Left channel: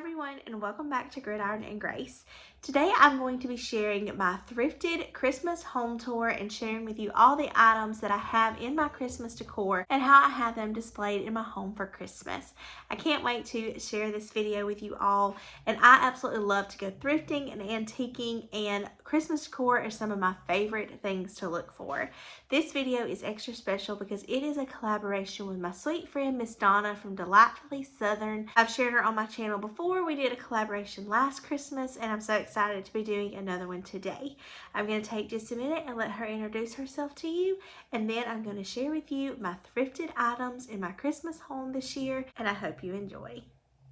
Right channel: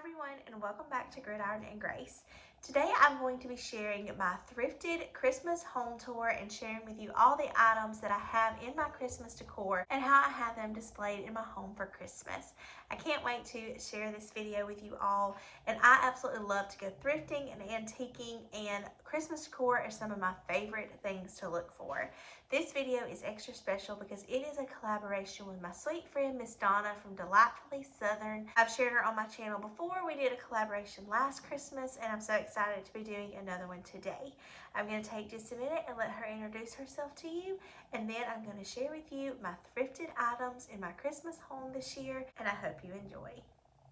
everyone, and welcome back to Gridiron and Grace. Today I'm going to be sharing my thrifted Christmas home tour and sharing with you all the items that I have in my Christmas decor and how I have them displayed in my home for Christmas. I can't wait to share this video with you all, and I absolutely love to go thrifting and antiquing, and Christmas decor are some of my favorite things to look for. This video is extra special because it is a collaboration with my sweet friend Miss Donna from Delightfully Southern. I've shared her on my channel before. We did a collaboration last Christmas, and I'm so excited to be doing another one today. I'm going to take just a minute and let her introduce herself to you, and then I'm going to share with you my thrifted items in my Christmas home this year, and I hope you enjoy.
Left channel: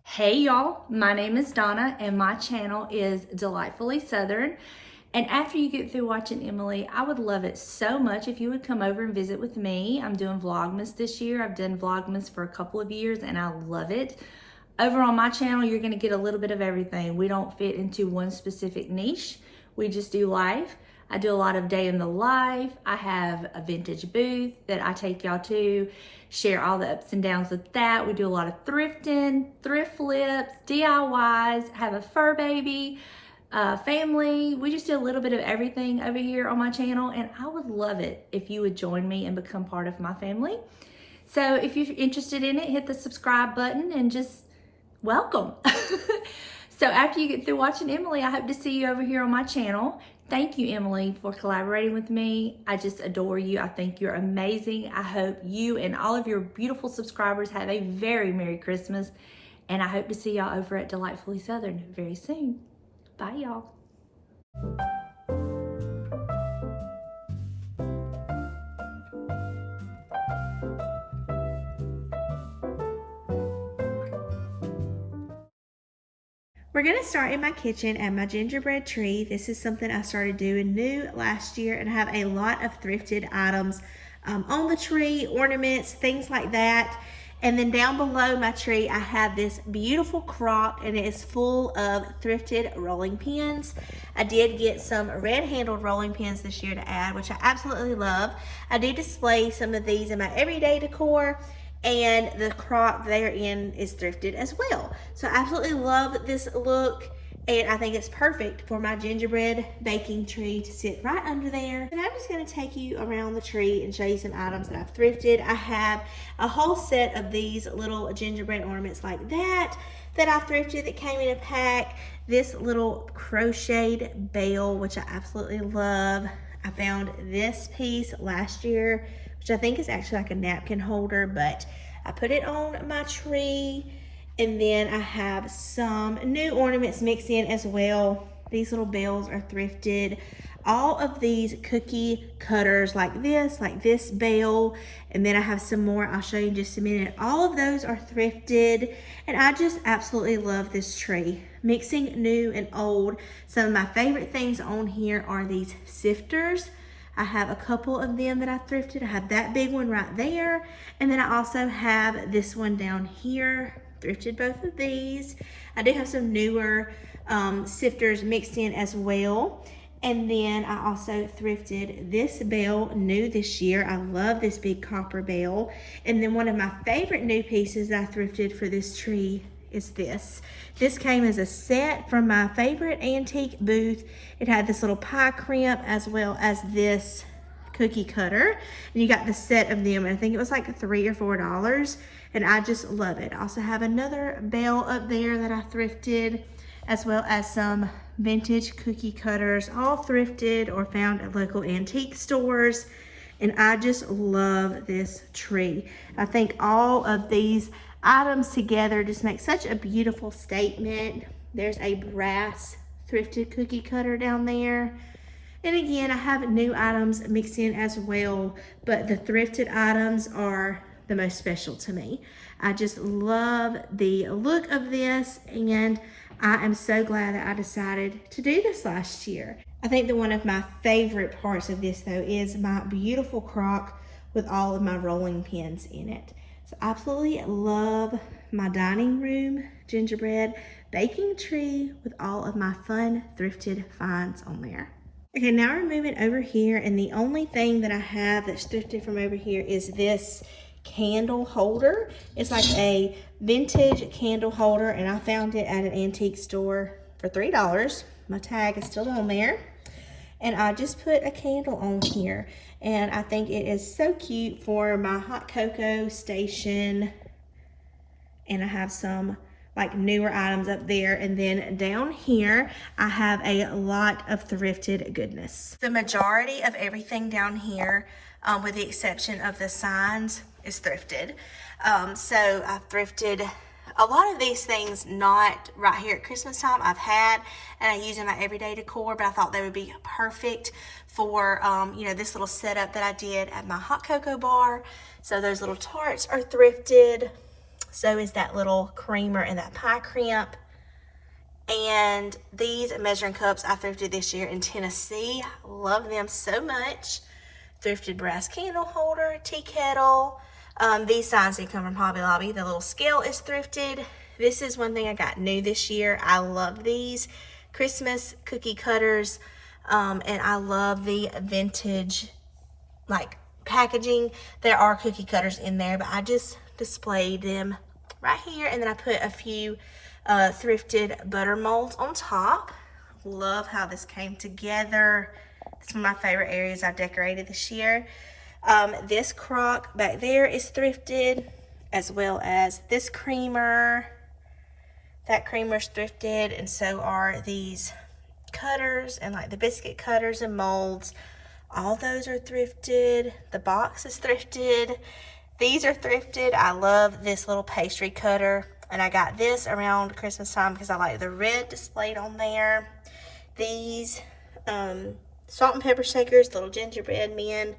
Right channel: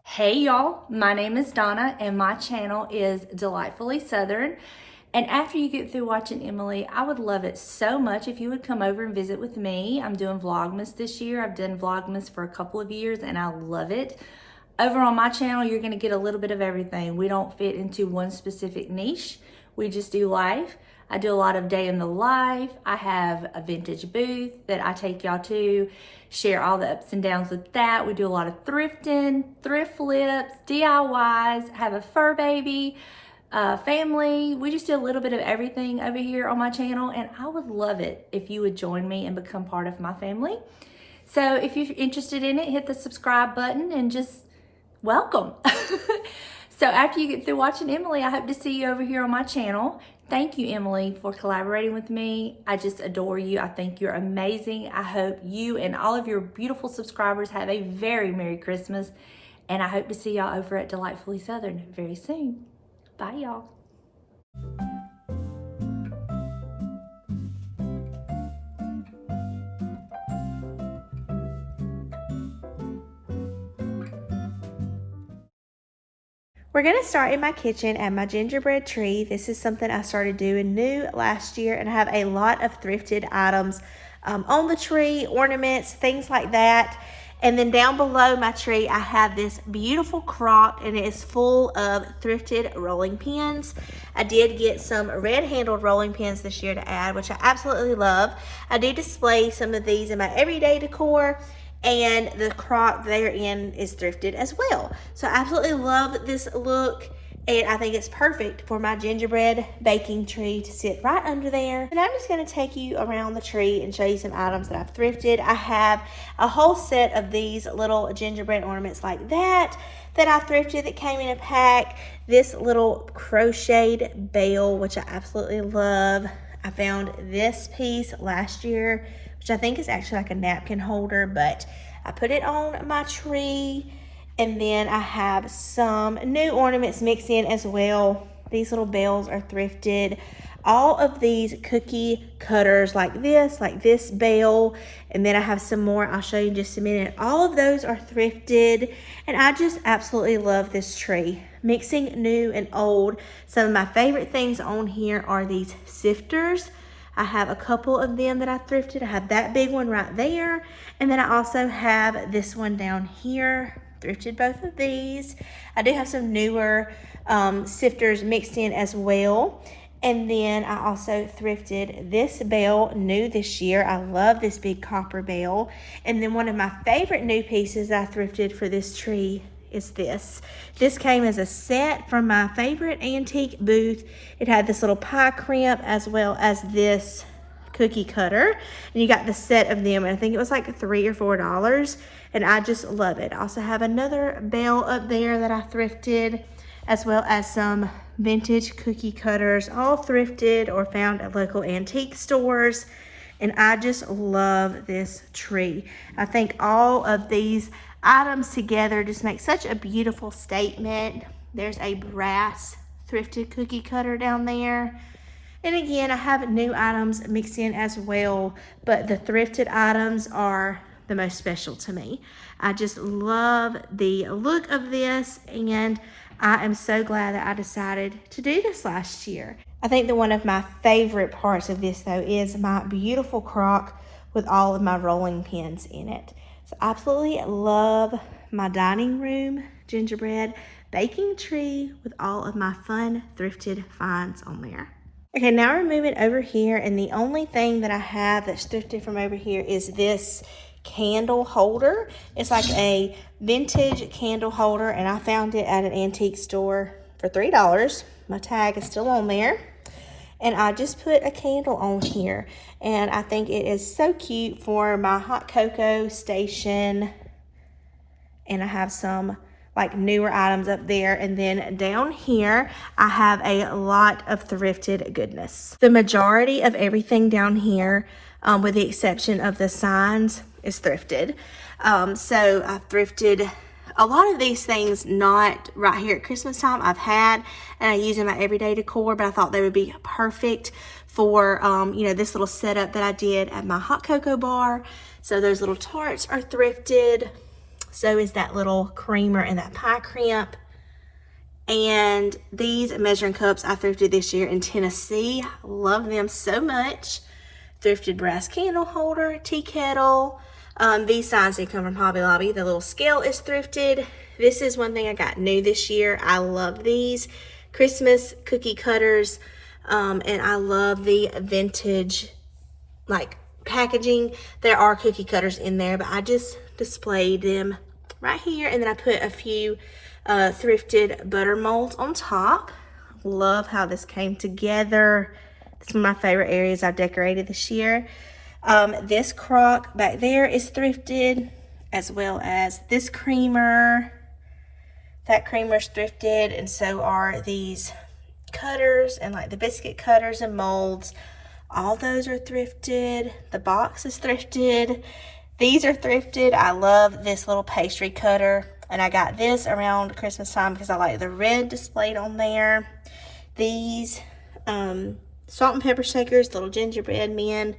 Hey y'all, my name is Donna and my channel is Delightfully Southern. And after you get through watching Emily, I would love it so much if you would come over and visit with me. I'm doing Vlogmas this year. I've done Vlogmas for a couple of years and I love it. Over on my channel, you're gonna get a little bit of everything. We don't fit into one specific niche. We just do life. I do a lot of day in the life. I have a vintage booth that I take y'all to, share all the ups and downs with that. We do a lot of thrifting, thrift flips, DIYs, have a fur baby, family. We just do a little bit of everything over here on my channel, and I would love it if you would join me and become part of my family. So if you're interested in it, hit the subscribe button and just welcome. So after you get through watching Emily, I hope to see you over here on my channel. Thank you, Emily, for collaborating with me. I just adore you. I think you're amazing. I hope you and all of your beautiful subscribers have a very Merry Christmas, and I hope to see y'all over at Delightfully Southern very soon. Bye, y'all. We're going to start in my kitchen at my gingerbread tree. This is something I started doing new last year, and I have a lot of thrifted items on the tree, ornaments, things like that. And then down below my tree, I have this beautiful crock, and it is full of thrifted rolling pins. I did get some red-handled rolling pins this year to add, which I absolutely love. I do display some of these in my everyday decor, and the crock therein is thrifted as well. So I absolutely love this look, and I think it's perfect for my gingerbread baking tree to sit right under there. And I'm just going to take you around the tree and show you some items that I've thrifted. I have a whole set of these little gingerbread ornaments like that I thrifted that came in a pack. This little crocheted bell, which I absolutely love. I found this piece last year, which I think is actually like a napkin holder, but I put it on my tree. And then I have some new ornaments mixed in as well. These little bells are thrifted. All of these cookie cutters like this bell. And then I have some more I'll show you in just a minute. All of those are thrifted. And I just absolutely love this tree. Mixing new and old. Some of my favorite things on here are these sifters. I have a couple of them that I thrifted. I have that big one right there. And then I also have this one down here. Thrifted both of these. I do have some newer sifters mixed in as well. And then I also thrifted this bell new this year. I love this big copper bell. And then one of my favorite new pieces I thrifted for this tree is this. This came as a set from my favorite antique booth. It had this little pie crimp as well as this cookie cutter, and you got the set of them, and I think it was like $3 or $4, and I just love it. I also have another bell up there that I thrifted, as well as some vintage cookie cutters, all thrifted or found at local antique stores. And I just love this tree. I think all of these items together just make such a beautiful statement. There's a brass thrifted cookie cutter down there. And again, I have new items mixed in as well, but the thrifted items are the most special to me. I just love the look of this, and I am so glad that I decided to do this last year. I think that one of my favorite parts of this, though, is my beautiful crock with all of my rolling pins in it. So I absolutely love my dining room gingerbread baking tree with all of my fun thrifted finds on there. Okay, now we're moving over here, and the only thing that I have that's thrifted from over here is this candle holder. It's like a vintage candle holder, and I found it at an antique store for $3. My tag is still on there. And I just put a candle on here, and I think it is so cute for my hot cocoa station. And I have some like newer items up there, and then down here I have a lot of thrifted goodness. The majority of everything down here, with the exception of the signs, is thrifted. So I've thrifted a lot of these things, not right here at Christmas time. I've had, and I use in my everyday decor, but I thought they would be perfect for, you know, this little setup that I did at my hot cocoa bar. So those little tarts are thrifted. So is that little creamer and that pie crimp. And these measuring cups I thrifted this year in Tennessee. Love them so much. Thrifted brass candle holder, tea kettle. These signs did come from Hobby Lobby. The little scale is thrifted. This is one thing I got new this year. I love these Christmas cookie cutters. And I love the vintage, like, packaging. There are cookie cutters in there, but I just displayed them right here. And then I put a few thrifted butter molds on top. Love how this came together. It's one of my favorite areas I've decorated this year. This crock back there is thrifted, as well as this creamer. That creamer's thrifted, and so are these cutters and like the biscuit cutters and molds. All those are thrifted. The box is thrifted. These are thrifted. I love this little pastry cutter, and I got this around Christmas time because I like the red displayed on there. These salt and pepper shakers, little gingerbread men,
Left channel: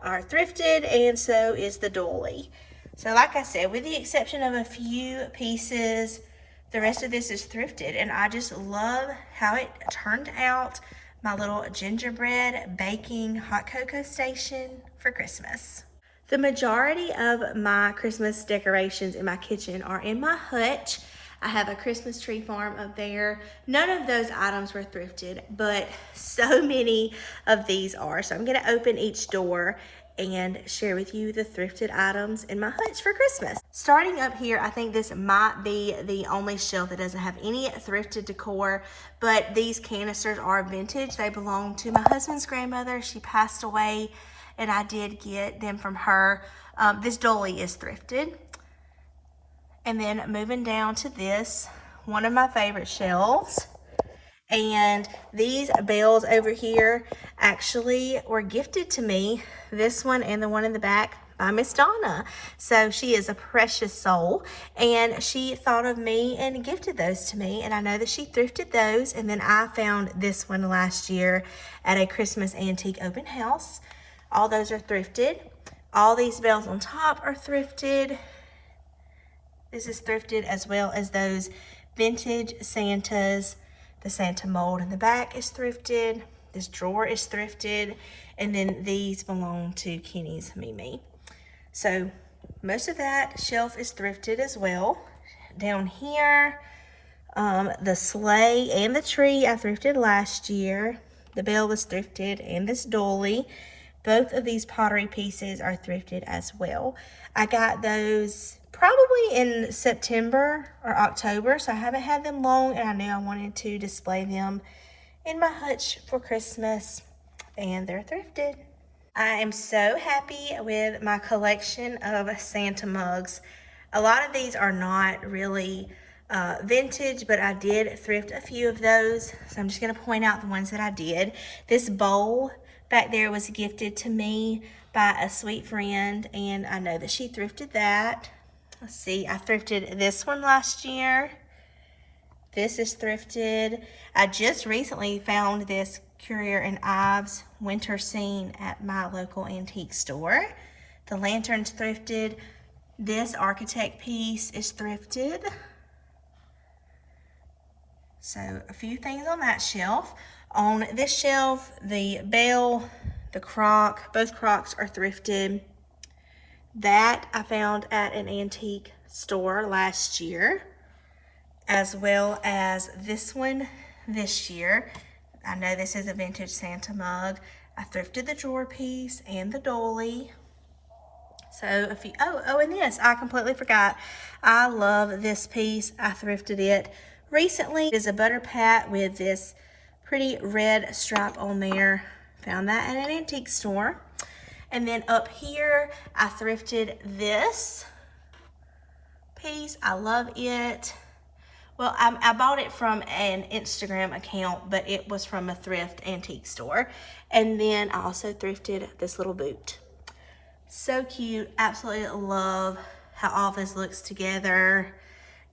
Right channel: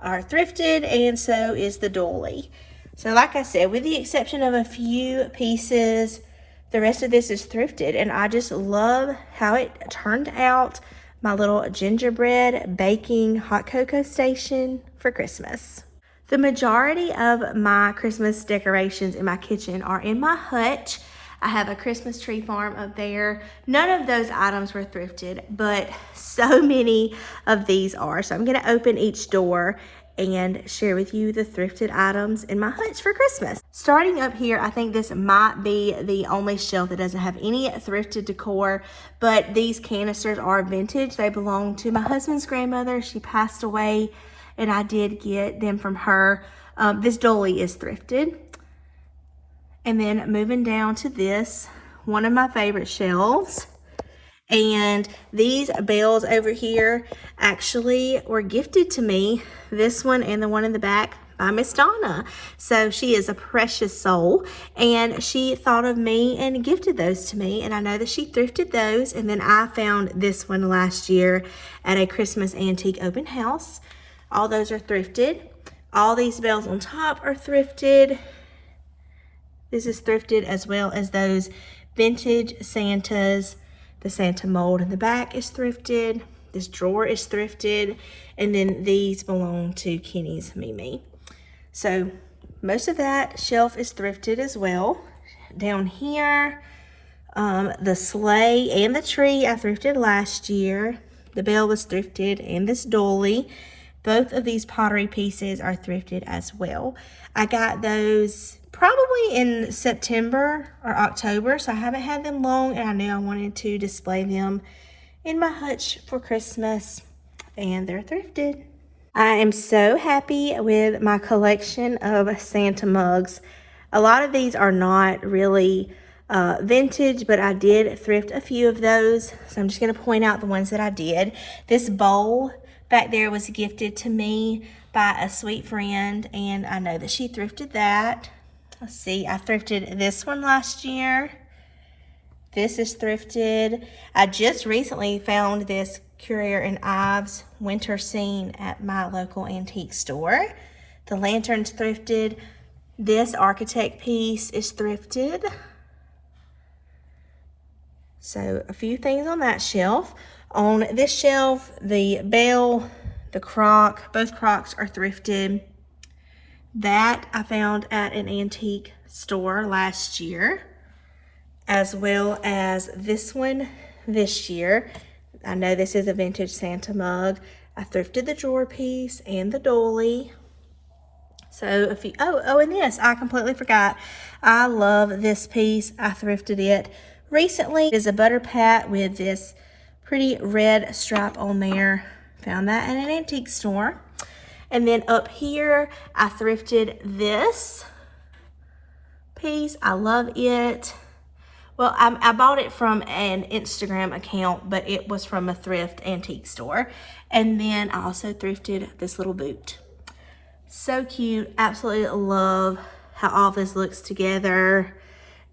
are thrifted, and so is the dolly. So like I said, with the exception of a few pieces, the rest of this is thrifted, and I just love how it turned out. My little gingerbread baking hot cocoa station for Christmas. The majority of my Christmas decorations in my kitchen are in my hutch. I have a Christmas tree farm up there. None of those items were thrifted, but so many of these are. So I'm gonna open each door and share with you the thrifted items in my hutch for Christmas. Starting up here, I think this might be the only shelf that doesn't have any thrifted decor, but these canisters are vintage. They belong to my husband's grandmother. She passed away, and I did get them from her. This dolly is thrifted. And then moving down to this, one of my favorite shelves. And these bells over here actually were gifted to me, this one and the one in the back, by Miss Donna. So she is a precious soul, and she thought of me and gifted those to me. And I know that she thrifted those. And then I found this one last year at a Christmas antique open house. All those are thrifted. All these bells on top are thrifted. This is thrifted, as well as those vintage Santas. The Santa mold in the back is thrifted. This drawer is thrifted. And then these belong to Kenny's Mimi. So most of that shelf is thrifted as well. Down here, the sleigh and the tree I thrifted last year. The bell was thrifted, and this dolly. Both of these pottery pieces are thrifted as well. I got those probably in September or October, so I haven't had them long, and I knew I wanted to display them in my hutch for Christmas, and they're thrifted. I am so happy with my collection of Santa mugs. A lot of these are not really vintage, but I did thrift a few of those, so I'm just going to point out the ones that I did. This bowl back there was gifted to me by a sweet friend, and I know that she thrifted that. Let's see, I thrifted this one last year. This is thrifted. I just recently found this Currier and Ives winter scene at my local antique store. The lantern's thrifted. This architect piece is thrifted. So a few things on that shelf. On this shelf, the bell, the crock, both crocks are thrifted. That I found at an antique store last year, as well as this one this year. I know this is a vintage Santa mug. I thrifted the drawer piece and the dolly. So if you, and this, I completely forgot. I love this piece. I thrifted it recently. It is a butter pat with this pretty red stripe on there. Found that in an antique store. And then up here, I thrifted this piece. I love it. Well, I bought it from an Instagram account, but it was from a thrift antique store. And then I also thrifted this little boot. So cute. Absolutely love how all this looks together.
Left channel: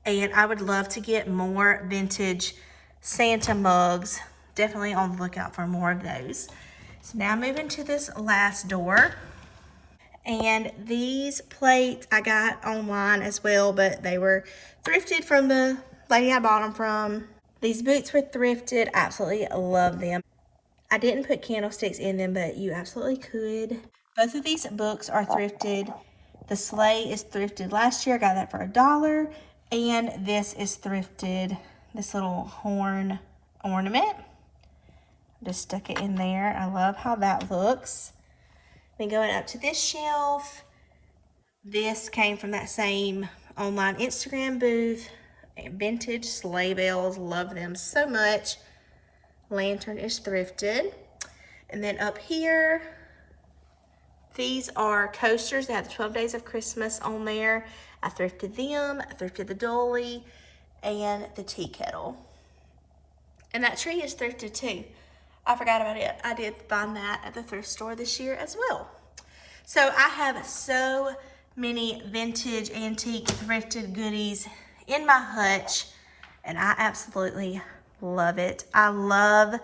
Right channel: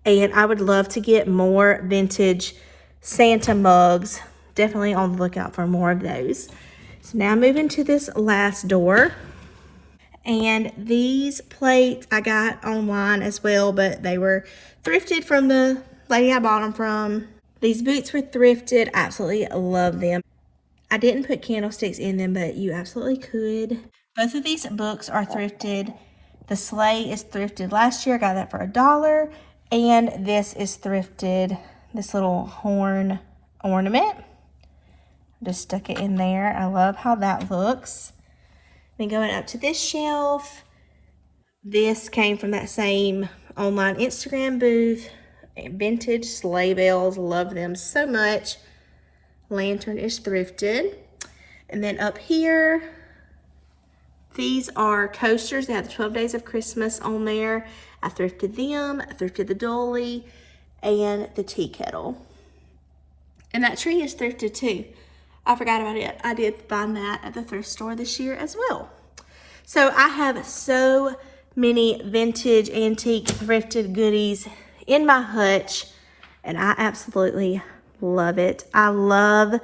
And I would love to get more vintage Santa mugs. Definitely on the lookout for more of those. So now moving to this last door. And these plates I got online as well, but they were thrifted from the lady I bought them from. These boots were thrifted. Absolutely love them. I didn't put candlesticks in them, but you absolutely could. Both of these books are thrifted. The sleigh is thrifted last year. I got that for $1. And this is thrifted, this little horn ornament. Just stuck it in there. I love how that looks. Then going up to this shelf, this came from that same online Instagram booth. Vintage sleigh bells, love them so much. Lantern is thrifted. And then up here, these are coasters that have the 12 Days of Christmas on there. I thrifted them. I thrifted the dolly and the tea kettle. And that tree is thrifted too. I forgot about it. I did find that at the thrift store this year as well. So I have so many vintage, antique, thrifted goodies in my hutch, and I absolutely love it. I love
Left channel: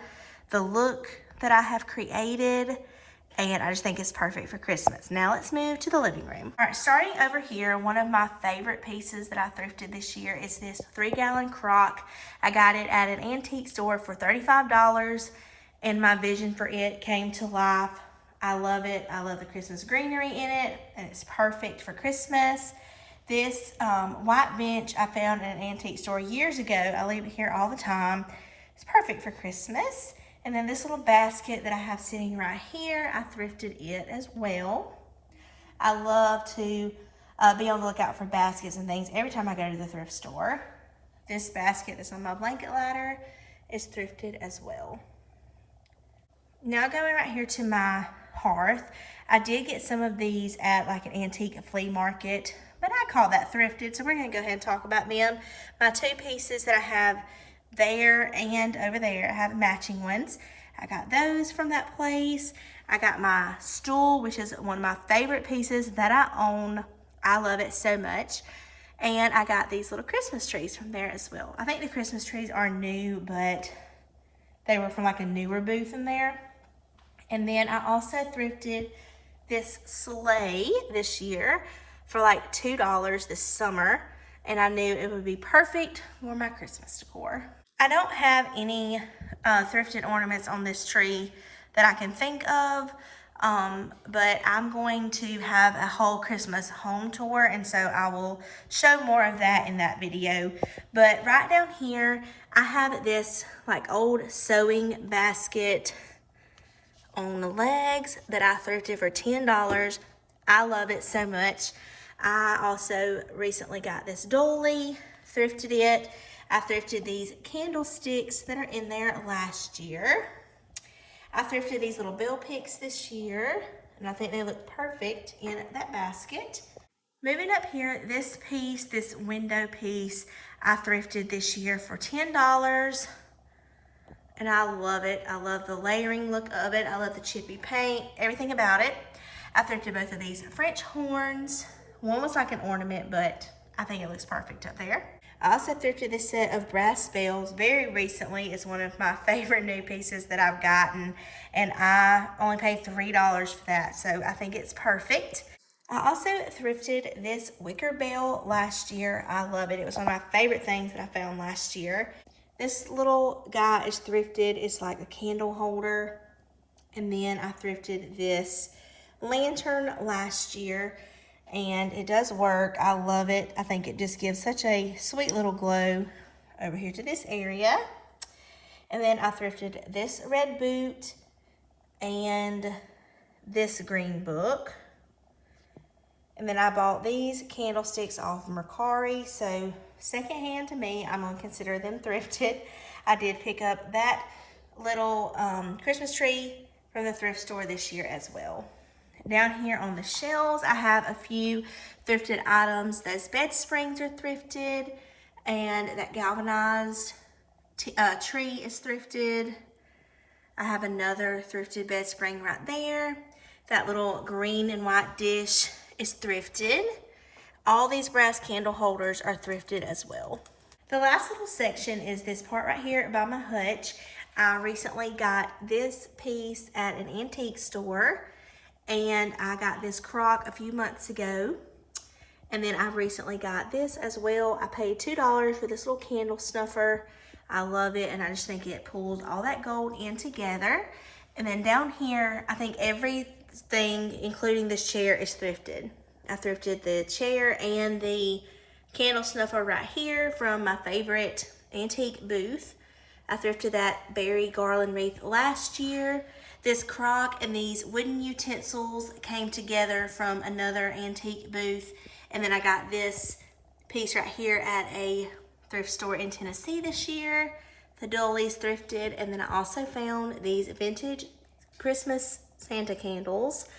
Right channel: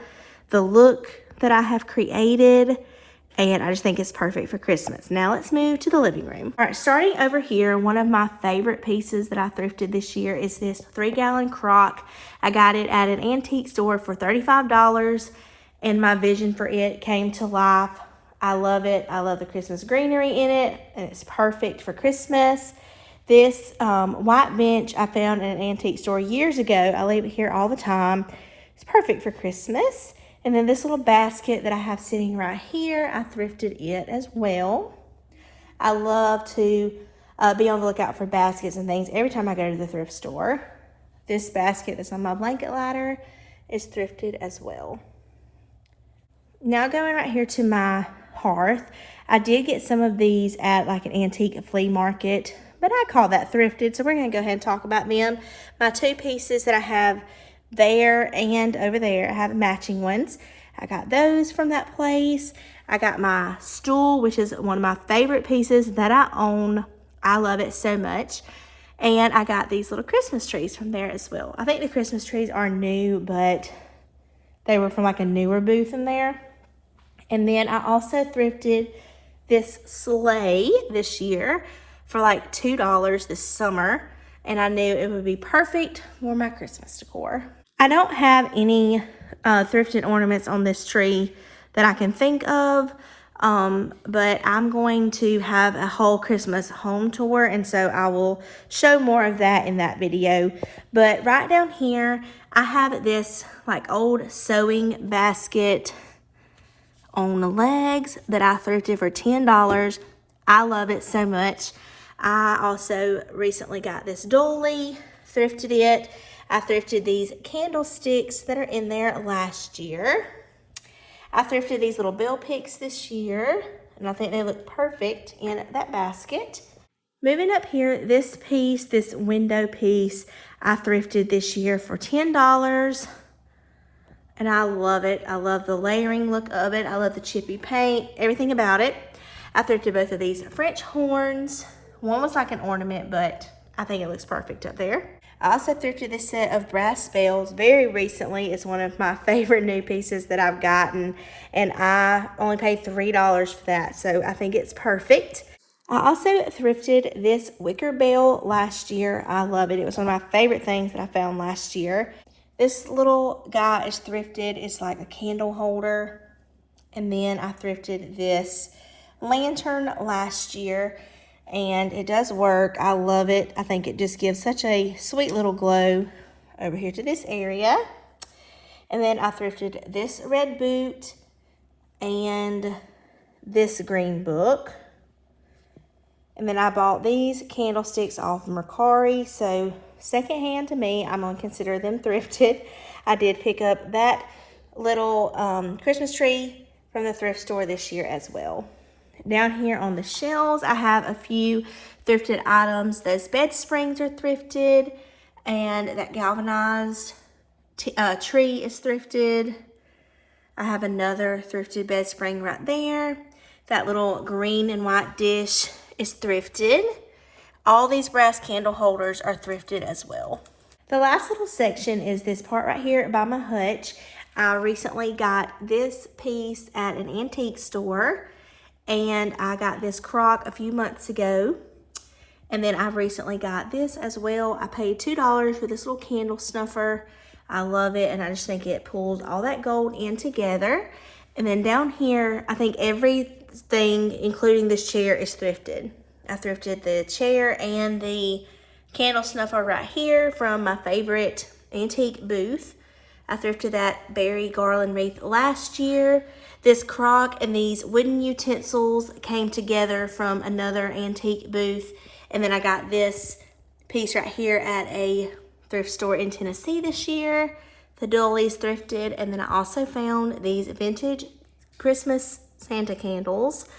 the look that I have created, and I just think it's perfect for Christmas. Now let's move to the living room. All right, starting over here, one of my favorite pieces that I thrifted this year is this 3-gallon crock. I got it at an antique store for $35, and my vision for it came to life. I love it. I love the Christmas greenery in it, and it's perfect for Christmas. This white bench I found in an antique store years ago. I leave it here all the time. It's perfect for Christmas. And then this little basket that I have sitting right here, I thrifted it as well. I love to be on the lookout for baskets and things every time I go to the thrift store. This basket that's on my blanket ladder is thrifted as well. Now going right here to my hearth, I did get some of these at like an antique flea market, but I call that thrifted, so we're going to go ahead and talk about them. My two pieces that I have there and over there, I have matching ones. I got those from that place. I got my stool, which is one of my favorite pieces that I own. I love it so much. And I got these little Christmas trees from there as well. I think the Christmas trees are new, but they were from like a newer booth in there. And then I also thrifted this sleigh this year for like $2 this summer. And I knew it would be perfect for my Christmas decor. I don't have any thrifted ornaments on this tree that I can think of. But I'm going to have a whole Christmas home tour, and so I will show more of that in that video. But right down here, I have this like old sewing basket on the legs that I thrifted for $10. I love it so much. I also recently got this dolly, thrifted it. I thrifted these candlesticks that are in there last year. I thrifted these little bell picks this year, and I think they look perfect in that basket. Moving up here, this piece, this window piece, I thrifted this year for $10. And I love it. I love the layering look of it. I love the chippy paint, everything about it. I thrifted both of these French horns. One was like an ornament, but I think it looks perfect up there. I also thrifted this set of brass bells very recently. It's one of my favorite new pieces that I've gotten, and I only paid $3 for that, so I think it's perfect. I also thrifted this wicker bell last year. I love it. It was one of my favorite things that I found last year. This little guy is thrifted. It's like a candle holder. And then I thrifted this lantern last year, and it does work. I love it. I think it just gives such a sweet little glow over here to this area. And then I thrifted this red boot and this green book. And then I bought these candlesticks off Mercari. So secondhand to me, I'm going to consider them thrifted. I did pick up that little Christmas tree from the thrift store this year as well. Down here on the shelves, I have a few thrifted items. Those bed springs are thrifted, and that galvanized tree is thrifted. I have another thrifted bed spring right there. That little green and white dish is thrifted. All these brass candle holders are thrifted as well. The last little section is this part right here by my hutch. I recently got this piece at an antique store, and I got this crock a few months ago. And then I've recently got this as well. I paid $2 for this little candle snuffer. I love it, and I just think it pulls all that gold in together. And then down here, I think everything, including this chair, is thrifted. I thrifted the chair and the candle snuffer right here from my favorite antique booth. I thrifted that berry garland wreath last year. This crock and these wooden utensils came together from another antique booth. And then I got this piece right here at a thrift store in Tennessee this year. The dollies thrifted. And then I also found these vintage Christmas Santa candles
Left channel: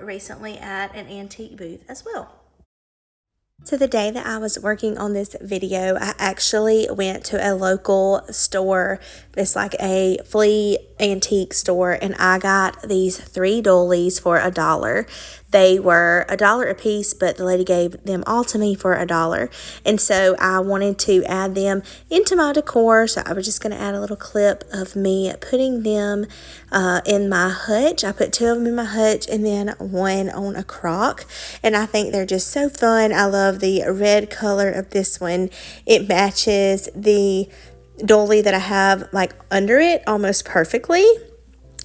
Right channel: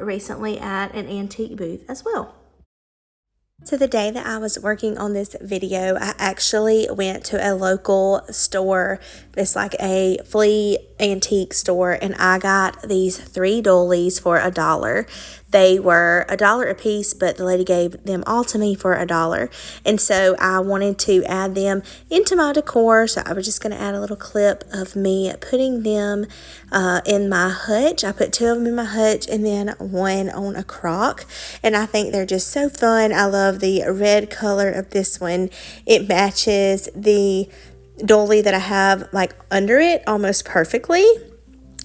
recently at an antique booth as well. So the day that I was working on this video, I actually went to a local store. It's like a flea antique store, and I got these 3 dollies for $1. They were $1 a piece, but the lady gave them all to me for $1. And so I wanted to add them into my decor. So I was just going to add a little clip of me putting them in my hutch. I put 2 of them in my hutch and then 1 on a crock. And I think they're just so fun. I love the red color of this one. It matches the dolly that I have like under it almost perfectly.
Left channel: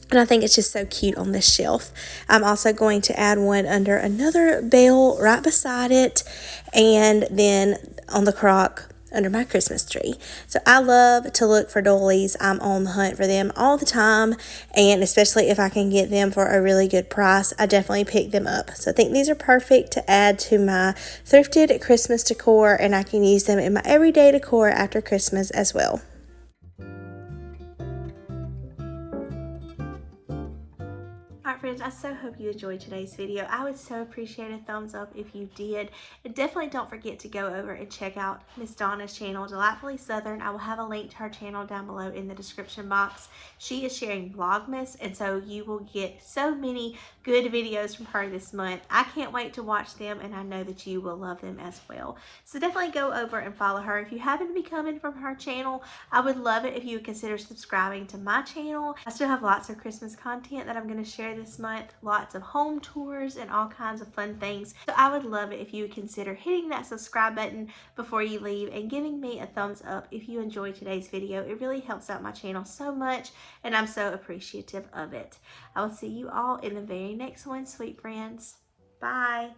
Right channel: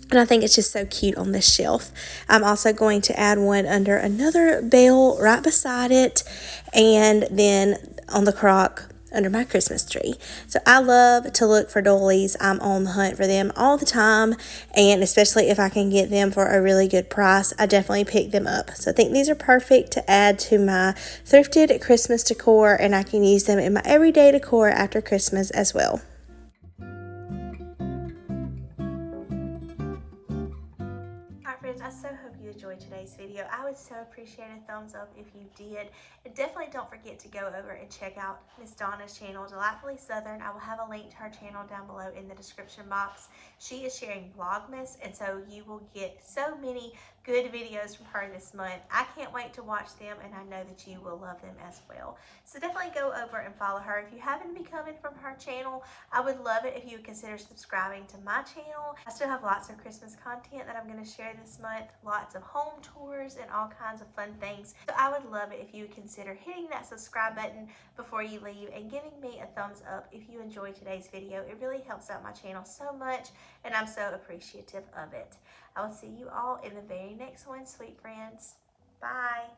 And I think it's just so cute on this shelf. I'm also going to add one under another bell right beside it, and then on the crock under my Christmas tree. So I love to look for dollies. I'm on the hunt for them all the time, and especially if I can get them for a really good price, I definitely pick them up. So I think these are perfect to add to my thrifted Christmas decor, and I can use them in my everyday decor after Christmas as well. Alright friends, I so hope you enjoyed today's video. I would so appreciate a thumbs up if you did. And definitely don't forget to go over and check out Miss Donna's channel, Delightfully Southern. I will have a link to her channel down below in the description box. She is sharing Vlogmas, and so you will get so many good videos from her this month. I can't wait to watch them, and I know that you will love them as well. So definitely go over and follow her. If you happen to be coming from her channel, I would love it if you would consider subscribing to my channel. I still have lots of Christmas content that I'm going to share this month, lots of home tours and all kinds of fun things. So I would love it if you would consider hitting that subscribe button before you leave and giving me a thumbs up if you enjoyed today's video. It really helps out my channel so much, and I'm so appreciative of it. I will see you all in the very next one, sweet friends. Bye.